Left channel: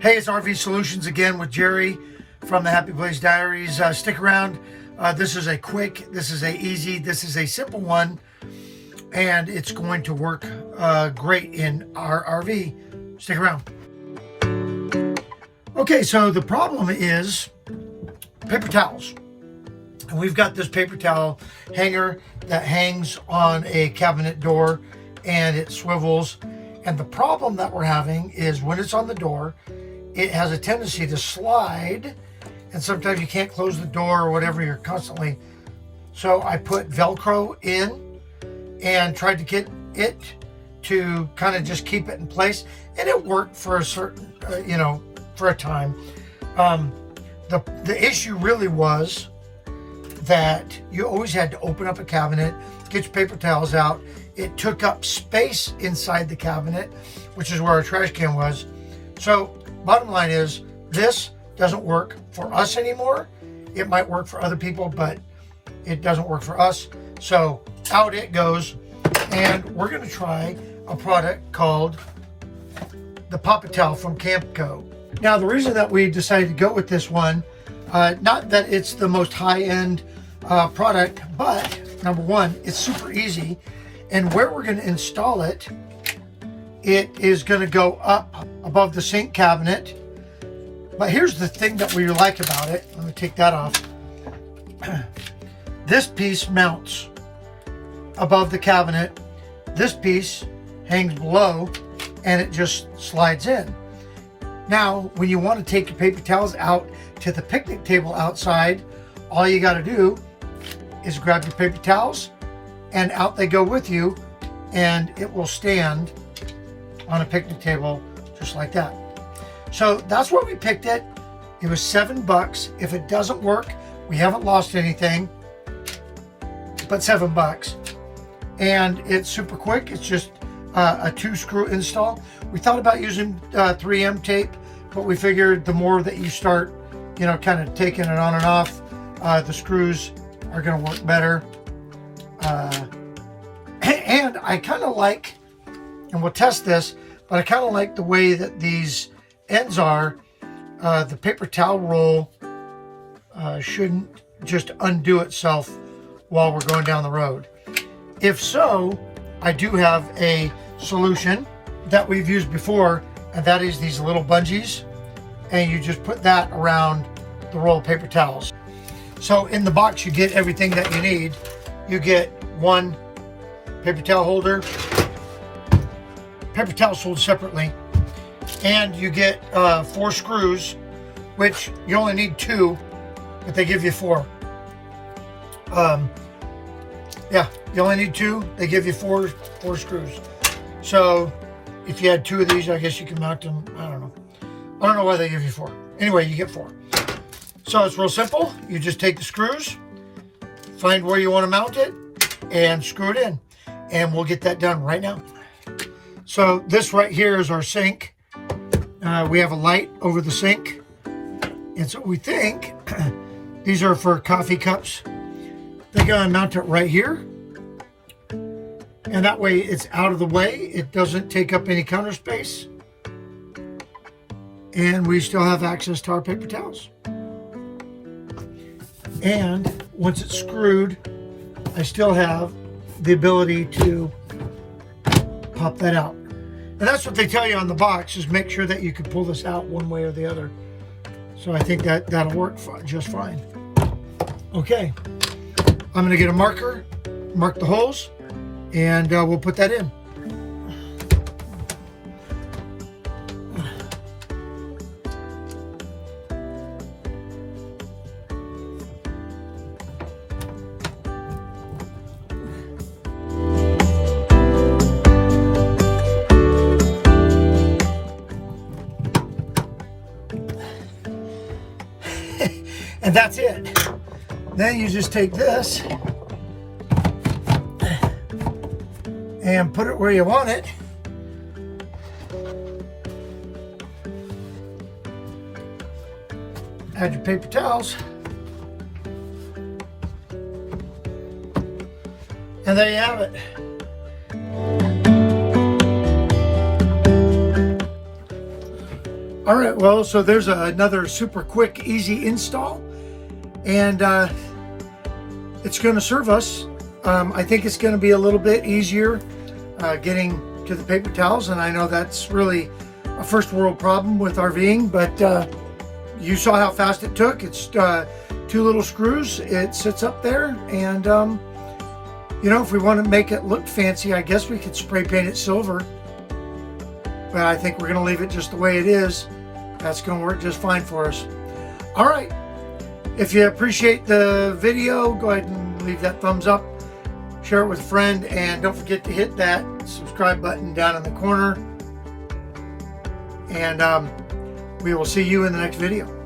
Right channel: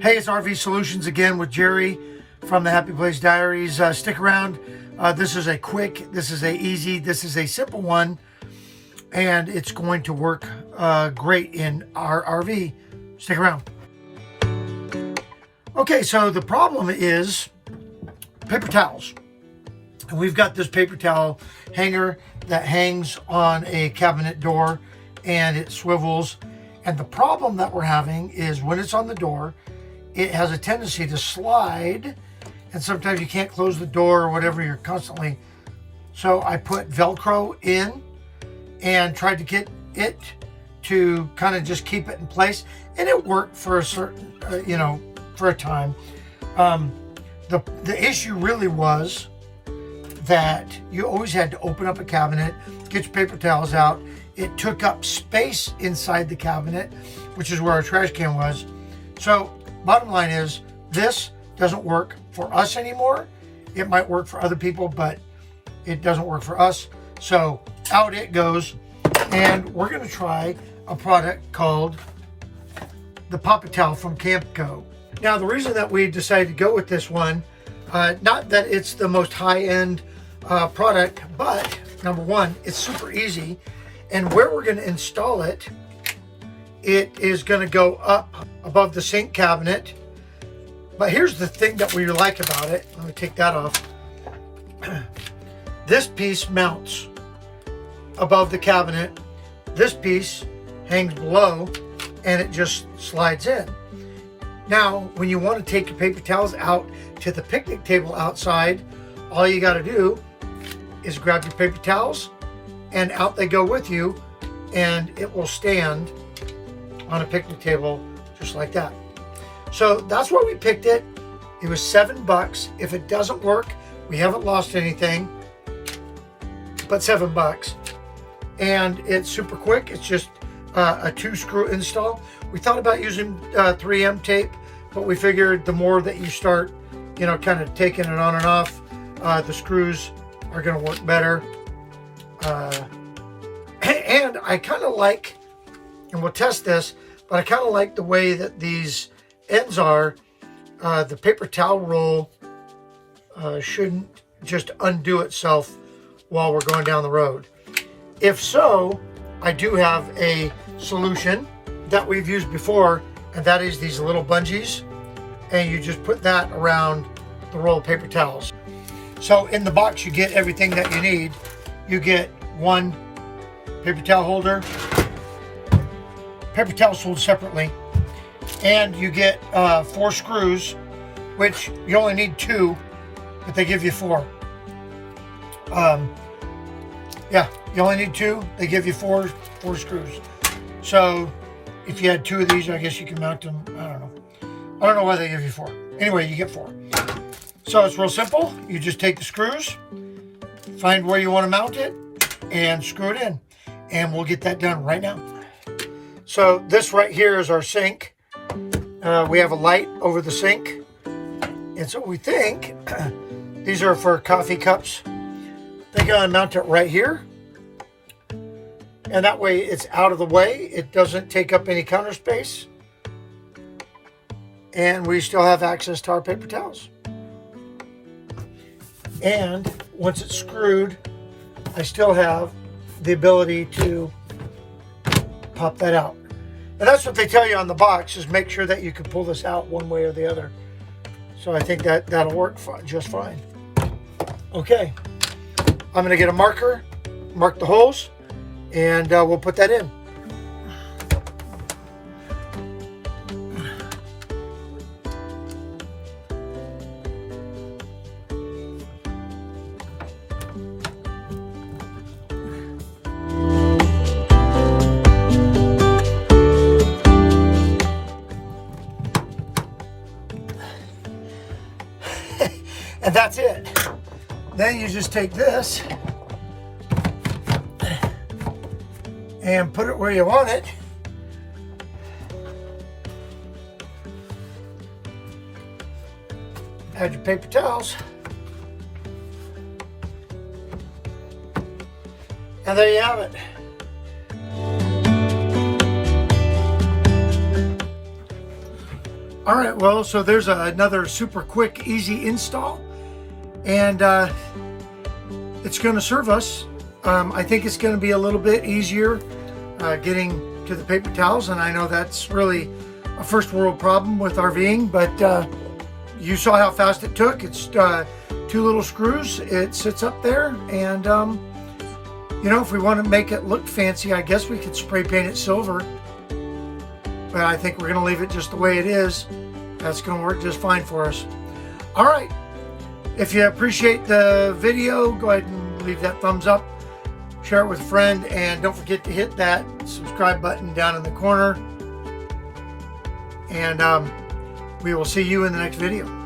Hey, it's RV Solutions again with Jerry from the Happy Place Diaries. Stick around. This is a quick, this is a easy, this is a simple one, and it's going to work great in our RV. Stick around. Okay, so the problem is paper towels. And we've got this paper towel hanger that hangs on a cabinet door and it swivels. And the problem that we're having is when it's on the door, it has a tendency to slide, and sometimes you can't close the door or whatever, you're constantly. So I put Velcro in and tried to get it to kind of just keep it in place, and it worked for a certain, for a time. The issue really was that you always had to open up a cabinet, get your paper towels out. It took up space inside the cabinet, which is where our trash can was. So bottom line is, this doesn't work for us anymore. It might work for other people, but it doesn't work for us. So out it goes, and we're gonna try a product called the Pop-A-Towel from CAMCO. Now, the reason that we decided to go with this one, not that it's the most high-end product, but number one, it's super easy. And where we're gonna install it, it is gonna go up above the sink cabinet. But here's the thing that we like about it. Let me take that off. This piece mounts above the cabinet. This piece hangs below and it just slides in. Now, when you want to take your paper towels out to the picnic table outside, all you got to do is grab your paper towels and out they go with you, and it will stand on a picnic table just like that. So that's why we picked it. It was $7. If it doesn't work, we haven't lost anything, but $7. And it's super quick. It's just a 2-screw install. We thought about using 3M tape, but we figured the more that you start, kind of taking it on and off, the screws are going to work better. And I kind of like, and we'll test this, but I kind of like the way that these ends are. The paper towel roll shouldn't just undo itself while we're going down the road. If so, I do have a solution that we've used before, and that is these little bungees, and you just put that around the roll of paper towels. So in the box you get everything that you need. You get one paper towel holder, paper towels sold separately, and you get 4 screws, which you only need 2, but they give you 4. Yeah, you only need 2. They give you 4 screws. So if you had 2 of these, I guess you can mount them. I don't know why they give you 4. Anyway, you get 4. So it's real simple. You just take the screws, find where you want to mount it, and screw it in. And we'll get that done right now. So this right here is our sink. We have a light over the sink. And so we think these are for coffee cups. They're going to mount it right here. And that way it's out of the way. It doesn't take up any counter space. And we still have access to our paper towels. And once it's screwed, I still have the ability to pop that out. And that's what they tell you on the box, is make sure that you can pull this out one way or the other. So I think that'll work just fine. Okay, I'm gonna get a marker, mark the holes, and we'll put that in. And that's it. Then you just take this and put it where you want it. Add your paper towels. And there you have it. All right, well, so there's another super quick, easy install, and it's going to serve us. I think it's going to be a little bit easier getting to the paper towels, and I know that's really a first world problem with RVing, but you saw how fast it took. It's 2 little screws. It sits up there, and you know, if we want to make it look fancy, I guess we could spray paint it silver. But I think we're going to leave it just the way it is. That's going to work just fine for us. All right. If you appreciate the video, go ahead and leave that thumbs up. Share it with a friend. And don't forget to hit that subscribe button down in the corner. And we will see you in the next video.